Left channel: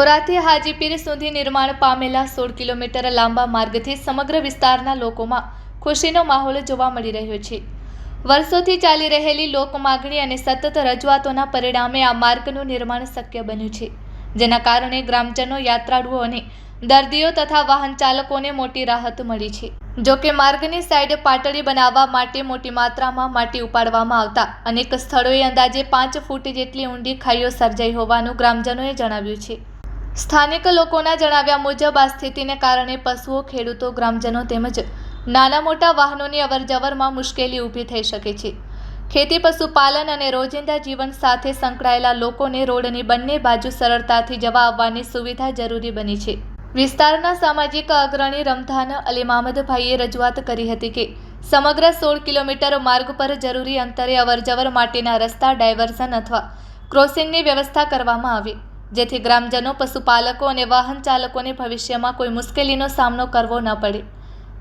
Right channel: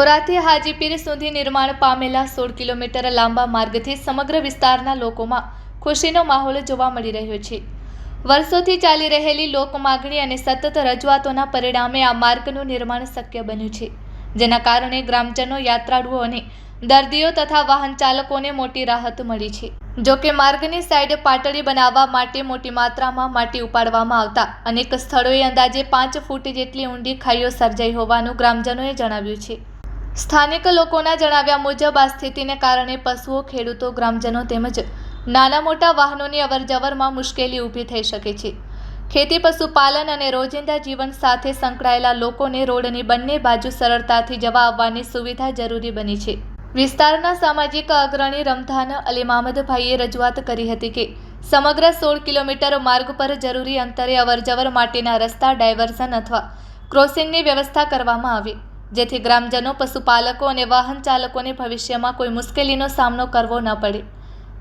ધોરાથી હાજીપીર સુધી નિર્માણ પામેલા 16 કિલોમીટર લાંબા માર્ગથી સમગ્ર વિસ્તારના લોકોમાં ખુશીનો માહોલ જોવા મળી રહ્યો છે। વર્ષોથી ચાલી રહેલી લોક માગણી અને સતત રજૂઆતોના પરિણામે આ માર્ગનું નિર્માણ શક્ય બન્યું છે, જેના કારણે ગ્રામજનો, યાત્રાળુઓ અને દર્દીઓ તથા વાહન ચાલકોને મોટી રાહત મળી છે। જો કે માર્ગની સાઈડ પાટડી બનાવવા માટે મોટી માત્રામાં માટી ઉપાડવામાં આવતા અનેક સ્થળોએ અંદાજે 5 ફૂટ જેટલી ઊંડી ખાઈઓ સર્જાઈ હોવાનું ગ્રામજનોએ જણાવ્યું છે। સ્થાનિક લોકોના જણાવ્યા મુજબ આ સ્થિતિને કારણે પશુઓ, ખેડૂતો, ગ્રામજનો તેમજ નાના મોટા વાહનોની અવરજવરમાં મુશ્કેલી ઊભી થઈ શકે છે। ખેતી, પશુપાલન અને રોજિંદા જીવન સાથે સંકળાયેલા લોકોને રોડની બંને બાજુ સરળતાથી જવા આવવાની સુવિધા જરૂરી બની છે। વિસ્તારના સામાજિક અગ્રણી રમધાન અલી મામદભાઈએ રજૂઆત કરી હતી કે સમગ્ર 16 કિલોમીટર માર્ગ પર જરૂરી અંતરે અવરજવર માટેના રસ્તા, ડાયવર્ઝન અથવા ક્રોસિંગની વ્યવસ્થા કરવામાં આવે, જેથી ગ્રામજનો, પશુપાલકો અને વાહન ચાલકોને ભવિષ્યમાં કોઈ મુશ્કેલીનો સામનો કરવો ન પડે।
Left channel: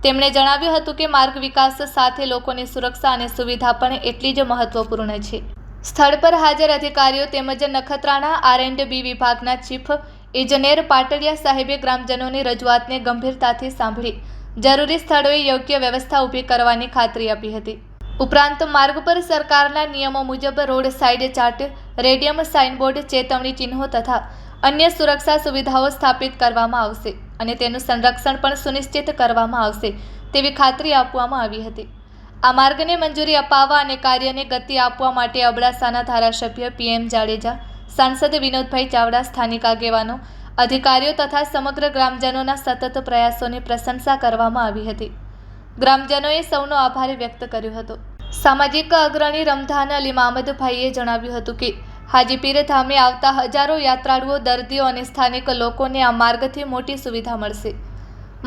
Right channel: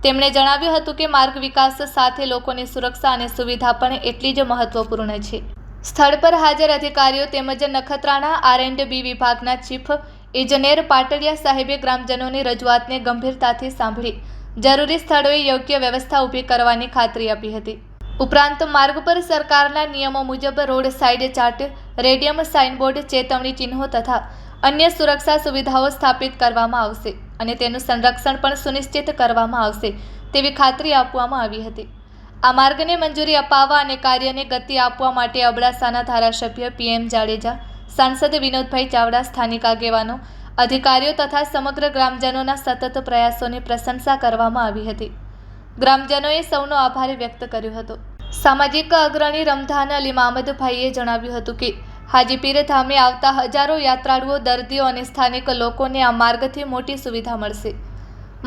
તેમણે જણાવ્યું હતું કે માર્ગ વિકાસ સાથે લોકોની સુરક્ષા અને સુવિધા પણ એટલી જ મહત્વપૂર્ણ છે। સ્થળ પર હાજર અધિકારીઓ તેમજ નખત્રાણા R&B વિભાગના ચીફ ઇજનેર પાટડિયા સાહેબે ગ્રામજનોની રજૂઆતને ગંભીરતાથી સાંભળી જરૂરી સ્થળોએ યોગ્ય વ્યવસ્થા ઊભી કરવાની ખાતરી આપી હતી। ઉપરાંત માર્ગ પર સરકારના નિયમો મુજબ road side chart, radium signboard, ચેતવણી ચિહ્નો તથા અન્ય સુરક્ષા સુવિધાઓ સ્થાપિત કરવામાં આવશે અને તેનું સંરક્ષણ પણ સુનિશ્ચિત કરવામાં આવશે તેવી ખાતરી આપવામાં આવી હતી। આ માર્ગને મંજૂરી અપાવવા અને કાર્યને ગતિ આપવા માટે અબડાસાના ધારાસભ્ય PM જાડેજા, સાંસદ વિનોદભાઈ ચાવડા, સ્થાનિક આગેવાનો, અધિકારીઓ તથા સમગ્ર ગ્રામજનોના સતત પ્રયાસોની પ્રશંસા કરવામાં આવી હતી। ગ્રામજનોએ સૌનો આભાર વ્યક્ત કર્યો હતો। સામાજિક અગ્રણી રમધાન અલી મામદભાઈએ જણાવ્યું હતું કે હાજીપીર ધામે આવતા હજારો યાત્રાળુઓ, દર્દીઓ અને સ્થાનિક લોકોને આ માર્ગથી મોટી સુવિધા મળશે।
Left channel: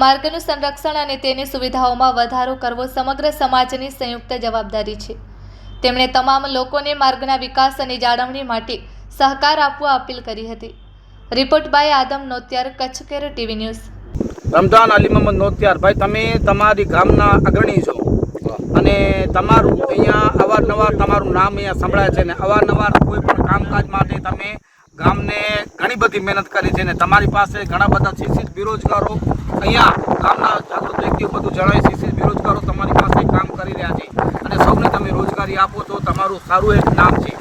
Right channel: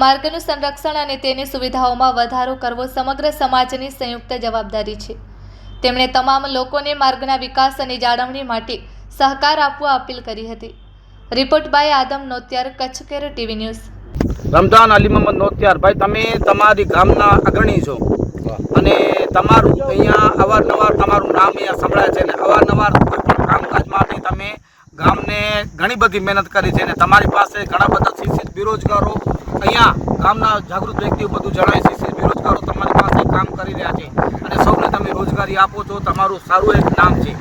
માર્ગનું સંરક્ષણ અને તેની સુવિધાઓમાં વધારો કરવો સમગ્ર સમાજની સંયુક્ત જવાબદારી છે। તેમણે તમામ લોકોને માર્ગના વિકાસ અને જાળવણી માટે સહકાર આપવા અપીલ કરી હતી। Report by Adam Notiyar, Kutch care TV news. Ramdhan Ali Mohammad Notiyar ભાઈ, તમે તમારી ગામના અગ્રણી છો અને તમારું અહીંયા અવારનવાર તમારું નામ અહીંયા સંભળાય છે ને અવારનવાર કોઈ પણ કામકાજ માટે તમે ગામને ઘણી બધી મહેનત કરી છે ને તમારી પાસે ઘણા બધા શિક્ષિત બેરોજગારો અહીંયા ગામના જાગૃત વ્યક્તિઓ બધું જણાય, શિક્ષિત બેરોજગારો તમારી પાસે કામ કરી રહ્યા છે અને સૌને તમે રોજગારી આપો છો, તમારું સારું એક નામ છે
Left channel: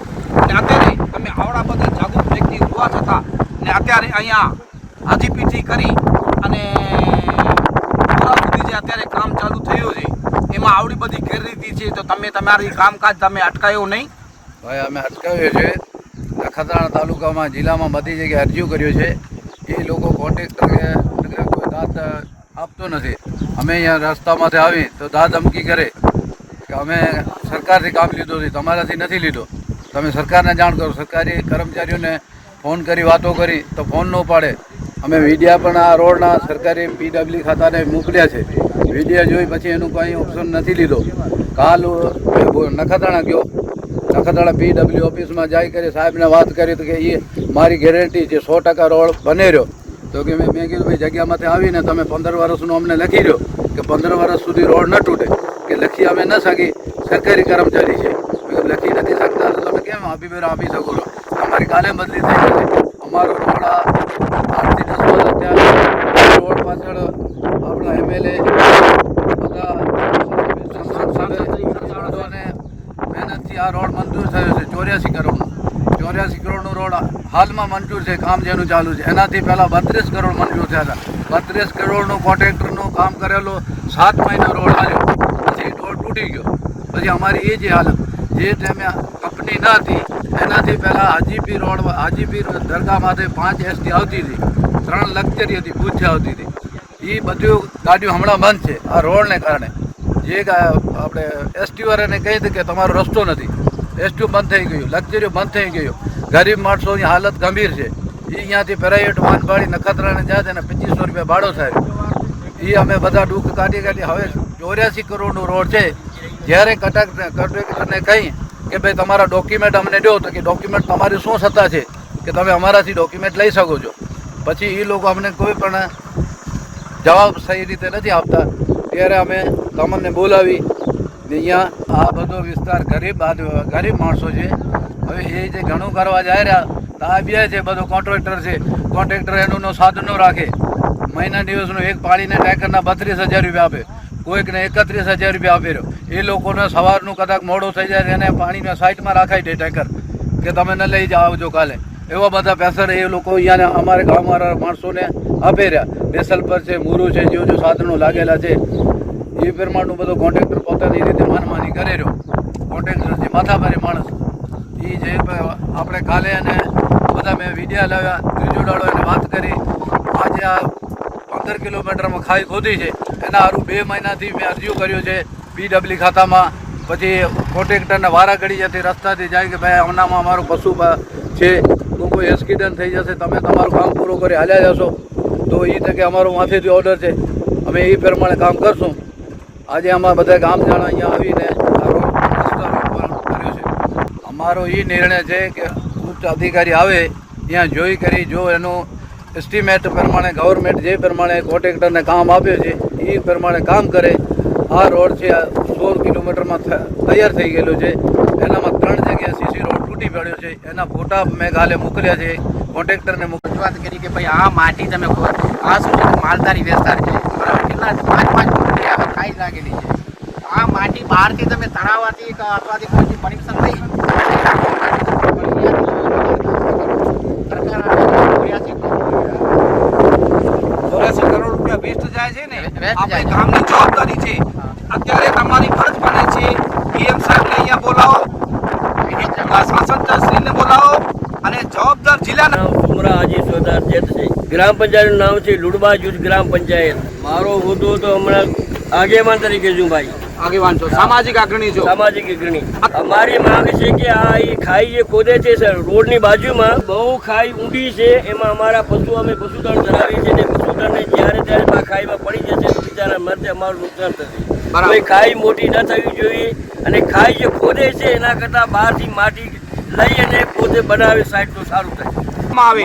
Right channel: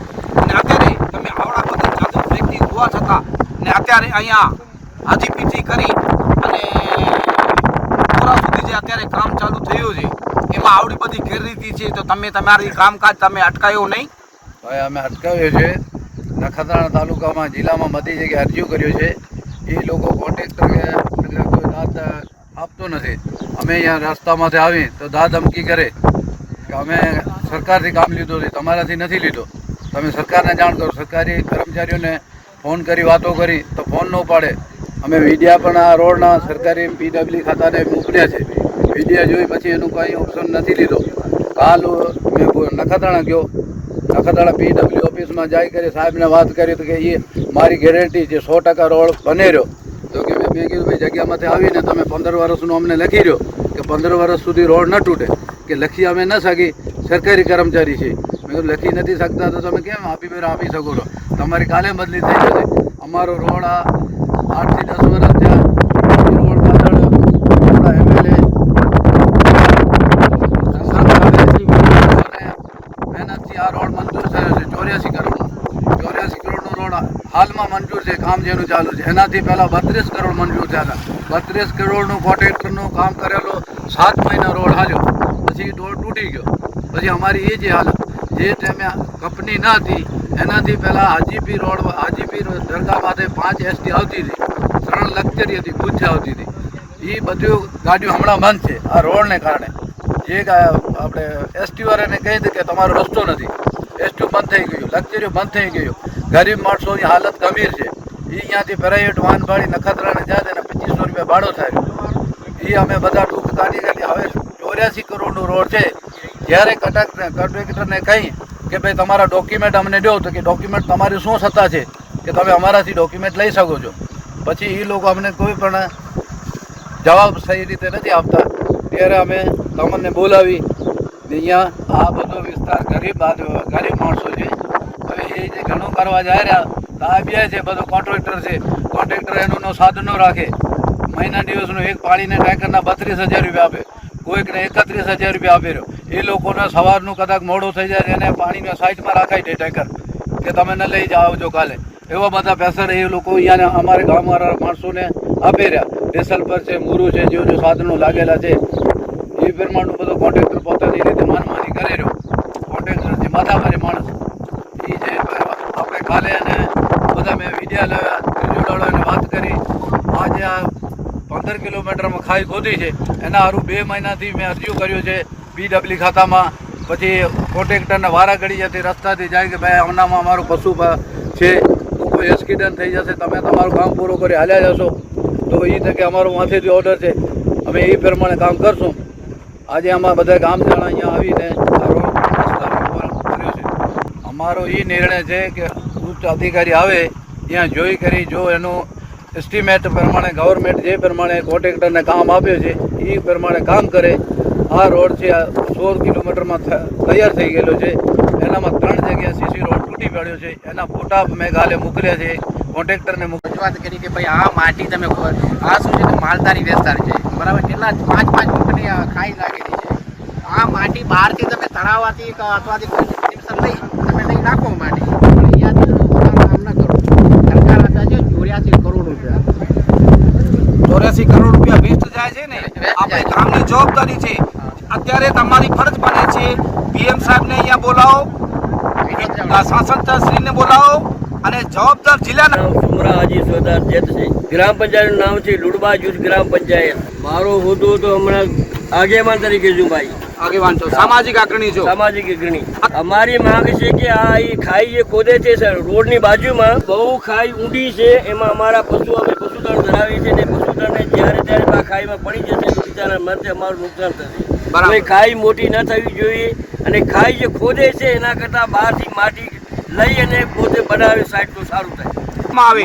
અને અત્યારે તમે આવડા બધા જાગૃત વ્યક્તિ હોવા છતાં ને અત્યારે અહીંયા હાજીપીરથી કરી અને જે અત્યારે કામ ચાલુ થયું છે એમાં આવડી બધી ગેરરીતિ છે, તો તમે તમારી કામકાજ તમે અટકાયો નહીં? ભાઈ, અમે અટકાવ્યો છે। નખત્રાણા તાલુકામાં, જિલ્લામાં બધી જગ્યાએ અરજીઓ કર્યો છે। એ લોકો કોન્ટ્રાક્ટર કે કોઈ દાદ આપતો નથી। અમે અહીંયા રસ્તામાંથી આવી તો દાદ ધમકી કરે કે અમે સરકારથી કામ લીધું છે, તમારાથી નથી લીધો, તમે સરકારને જાણ કરો। સરકારી કર્મચારીઓને ફોન કરી વાતો કરી તો ફોન ન ઉપાડે। અમે મીડિયા પણ આ રોડના સરકારી PW ખાતાને મોકલ્યા છે, વિડીયો જોઈ પછી એનું કંઈ ઓપ્શન નથી લીધો। કાલ નખત્રાણા ગયો, નખત્રાણા PW ઓફિસમાં જાય કરી સાહેબને વાત કરી તો કે એ મારી ગેરંટી છે 100% રોડ બને રહ્યો। તો કે મેં કીધું ભાઈ, જગ્યામાંથી આવીને તમે 15 વર્ષનું અમને લખી રહ્યો કે 15 વર્ષ સુધી રોડ ન તૂટે, કે લખી અમે ન શકી, સરકારી કર્મચારી છે। મેં કીધું લખી નથી શકતા તો તમે કેમ આપી શકો છો? તમારી કાલે બદલી થઈ શકે। અમારો રોડ 8 થી 10 વર્ષ ત્યાં રોડ પાછળ આપણા MLA મહેનતથી આ રોડ મંજૂર થયો છે। 84 કરોડનો રોડ હાલમાં મંજૂર છે, કામ જેનું ચાલુ છે। એનાથી પહેલાં 32 કરોડ મંજૂર થયા હતા। 32 કરોડનું કોન્ટ્રાક્ટરનું કામ કરેલો 7 મહિના રોડ હાલ્યો, પછી રોડ તૂટી ગયો। પછી અમારી એ જે હાલત, જે ટાઈમે કંપની ન હતી એનાથી પહેલાં હાજીપીર દરગાહમાંથી 5 ST આવતી હતી, 3 લક્ઝરી હતી, ભૂજથી આવતી હતી। એ બધું ગાડીઓ હમણાં બંધ છે આ રોડને કારણે। જે આપણે ST વાળાને કહી દીધું કે તમારો રસ્તો નથી, ST બંધ થઈ ગયું, લક્ઝરીઓ બંધ થઈ ગયું। ગરીબ માણસોની હાલત ગંભીર છે। એ અહીંયાથી પ્રાઇવેટ વાહન ભાડી નખત્રાણા જાય અને 2500 રૂપિયા ભાડો થાય। એ અમે બધા દુઃખ કાઢી હવે 84 કરોડનો રોડ છે। જ્યારે કન્ટ્રાક્ટરને કહી કે ભાઈ તમારા ડોક્યુમેન્ટ અમને દો, તો કે ડોક્યુમેન્ટ તમારી શું સત્તા છે કે તમે અમારાથી ડોક્યુમેન્ટ લઈ શકો છો? પછી એ લોકો અમને કોઈ પણ જવાબ સહી રીતે નથી આપતા। ત્યારે અમે તમને બોલાવી અહીંયા આ બધો વિસ્તાર ગરીબ માણસો છે। હવે એ જે ઘણું કરવા જાય રહ્યા તો આ બે છે બધો કોન્ટ્રાક્ટર છે. કોન્ટ્રાક્ટર એનો સાધનો રાખે. મહિના દિવસનું એક પાણીને ટેન્કરના 32,000 રૂપિયા આપે, કોઈકને 31,000 રૂપિયા આપે રહ્યો. એ લોકોને સવારનું કદાચ મોડું થઈ જાય એને પાણીને સાઈડમાં રાખાઈ દે ટેન્કર કે તમે ન લઈ જાઓ આવજો કાલે. એવા બધા પેસર એ લોકો અહીંયા અમારે ગામવાળા માણસોને આપી રહ્યા. બેસલ પર છે, મૂરું છે, જો સાધનો લાગેલા છે એ પ્રમાણનું બધું કોન્ટ્રાક્ટર પોતાની રીતે માનમાની કરે રહ્યો. કોન્ટ્રાક્ટર જે માથાભારે માણસ એ જે આપણે કાલે અને બધા મેં વિડીયા લાવ્યા, ત્રિજોડાવાળાને વાત કરી. આજે આ 15 કિલોમીટરમાં ખાઈ ખોદી છે એના સારું 2 મહિનાથી મેં અરજીઓ કર્યો છે PW ખાતામાં. પછી કોન્ટ્રાક્ટરને વારા ઘડી જતી રસ્તાથી જાય કે ભાઈ હમણાંમાં અમારું પશુ છે, કોઈ એક્સિડન્ટ થઈ જશે, તમે તમારું કામ પૂરું કરી હાલ્યા જશો તો એ તકે અમારો માથેથી ઓર્ડર છે, અમે એ પ્રમાણે કામ કરશું. આજે અમારા બધા ગામ જણા અહીંયા આવીને કર્યો છે. અમારો એ નિર્ણય છે કે ઉચ્ચ અધિકારી આવે ત્યાં જોઈ કરી જો એનું એસ્ટિમેટ પ્રમાણે ગવર્મેન્ટ જે પ્રમાણે કોન્ટ્રાક્ટરને કામ આપ્યું છે એ પ્રમાણે કામ કરે. આ રોડ છે 16 કિલોમીટરમાં તૈયાર થઈ ગયેલો છે. એનામાં 3 જગ્યાએ સીસી રોડ તૂટી પડ્યો છે. એના ફોટા મેં કાલે મોકલ્યા છે કોન્ટ્રાક્ટરને. રજૂઆત કરી કે ભાઈ આ માટી તમે આ શું છે માલધારી વિસ્તાર છે બરાબર, કેટલા 5 ફૂટની આવે ખાઈ લાગેલી છે. આ માટી બહારથી તમે તળાવથી અથવાથી કનેક્શન લઈ અને રાખો માટી. ₹84 કરોડ રૂપિયા વેસ્ટ જાય છે ને, આપણે ગામની જવાબદારી છે. અત્યારે તમારી ફરજ બને છે PM સાહેબને અહીંયા બોલાવો, સાંસદશ્રીને બોલાવો અને જવાબદાર જિલ્લાના ઉમરા હાજી સરદાર જેત છે. ગ્રામ પંચાયતનું નામ છે લુડબા જૂથ ગ્રામ પંચાયત. મારો હોદ્દો તો હમણાં આગેવાન તરીકે છું ભાઈ. આગેવાન છો, સામાજિક અગ્રણી છો. સામાજિક અગ્રણી. અમારી માંગ છે કે આ એ ખાઈ જે ખોદે છે સર રોડની બાજુમાં બહુ ખાઈ ઊંડી છે. એમાં અમારા પશુ અમે પશુધન ધરાવીએ છીએ ને પશુધનને જ્યારે ત્યારે આ ખાઈમાં પડી જશે તો બિચારા મરશે, અમારું નુકસાન થશે. હવે ખાઈ મોટી ન થવી જોઈએ અને ખાઈ જે ખોદે છે એના કરતાં બહારથી માટી લઈ અને પોતે બનાવે સાઈડ તો સારું થાય.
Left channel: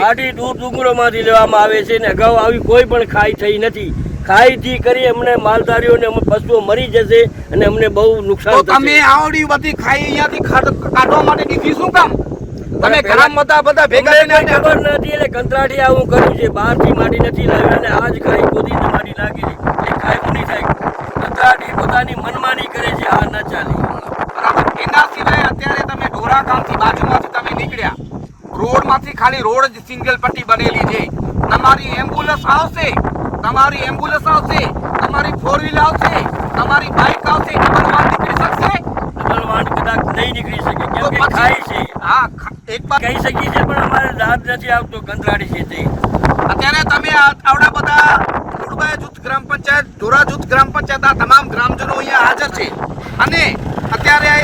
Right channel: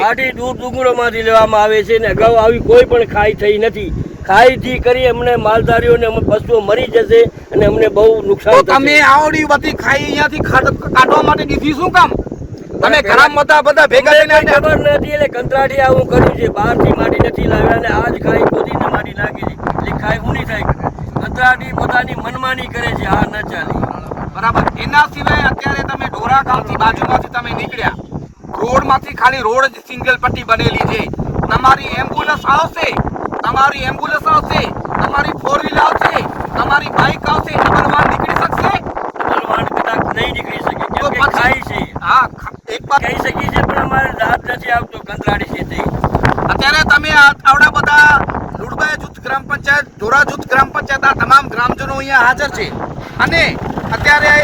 માટી દૂર ડુંગરોમાંથી લેવામાં આવે છે ને અગાઉ આવી કોઈ પણ ખાઈ થઈ નથી. ખાઈથી કરી અમને માલધારીઓને પશુઓ મરી જશે અને અમને બહુ નુકસાન થશે. તમે આવડી બધી ખાઈ અહીંયાથી કાઢવા માટે દીધી શું કામ? તમે ગ્રામ બધા ભેગા થઈને ખબર નથી એટલે કંત્રાટી આવું કર્યું છે. બહારથી માટી નથી લાવ્યા અને આજ ખાઈ ખોદીને માટી નાખી એ ખાઈ ઊંડી થાય. કંત્રાટી પોતાની મનમાની કરે છે, આ ન ચાલે. બરાબર. એના સિવાય અત્યારે તમે ઢોરા ગામથી બાજુમાંથી તમે નીકળ્યા, રોડમાંથી ખાલી રોડ જ સિંગલ પટ્ટી બનેલી છે. તમારી એમ્બ્યુલન્સ આવશે, તમારી 4 વ્હીલ આવશે, તમારી બાઇક આવશે, તમારો વાહન નીકળી શકશે? વાહન કદાચ નહીં નીકળી શકે કેમ કે ખાઈ છે. હા, એક વાત કહી શકીએ છીએ પણ અમારે દાંત નથી આવતો કંત્રાટી છે તે. અત્યારે તમે આવડા બધા લુડબા જૂથ ગ્રામ પંચાયત, ધોરા જૂથ ગ્રામ પંચાયત, આ તમામ ગ્રામજનો અહીંયા હાજર છે અને અત્યારે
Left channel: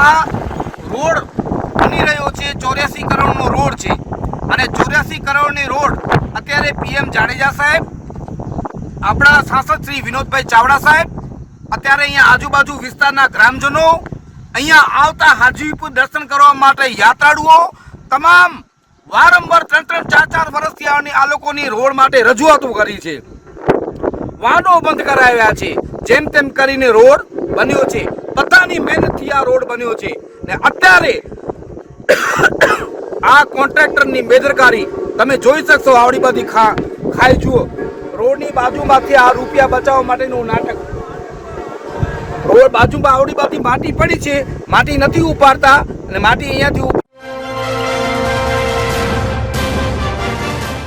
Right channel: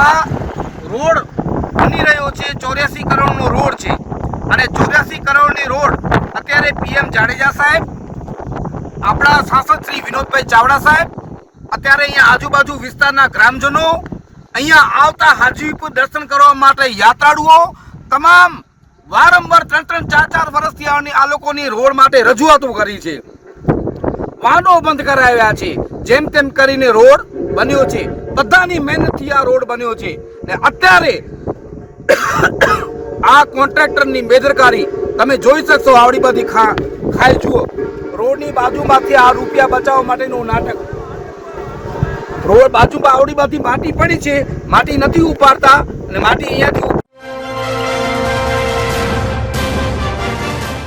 આ રોડ બની રહ્યો છે 84 કરોડનો રોડ છે અને 84 કરોડની રોડ અત્યારે PM જાડેજા સાહેબ, આપણા સાંસદ શ્રી વિનોદભાઈ ચાવડા સાહેબ, અત્યારે અહીંયા આજુબાજુ વિસ્તારના ગ્રામજનો, અહીંયા આવતા હાજીપુર દર્શન કરવા માટે યાત્રાળુઓ તમામ વારંવાર 3-3, 4-4 વર્ષથી આ લોકોની રોડ માટે રજૂઆતો કરી છે. વાહનો બંધ કરાવ્યા છે, જેમ તેમ કરીને રોડ બન્યો છે. બધાની મહેનતથી આ રોડ બન્યો છે ને અત્યારે આ કોન્ટ્રાક્ટરની બેદરકારી તમે જોઈ શકશો. આવડી બધી ખાઈ જુઓ, રોડની બાજુમાંથી આ રૂપિયા બચાવવા માટેનું નાટક. રોડ બાજુમાં આવડી બધી માટી પડી છે, માટી નથી ઉપાડતા અને માટી અહીંયાથી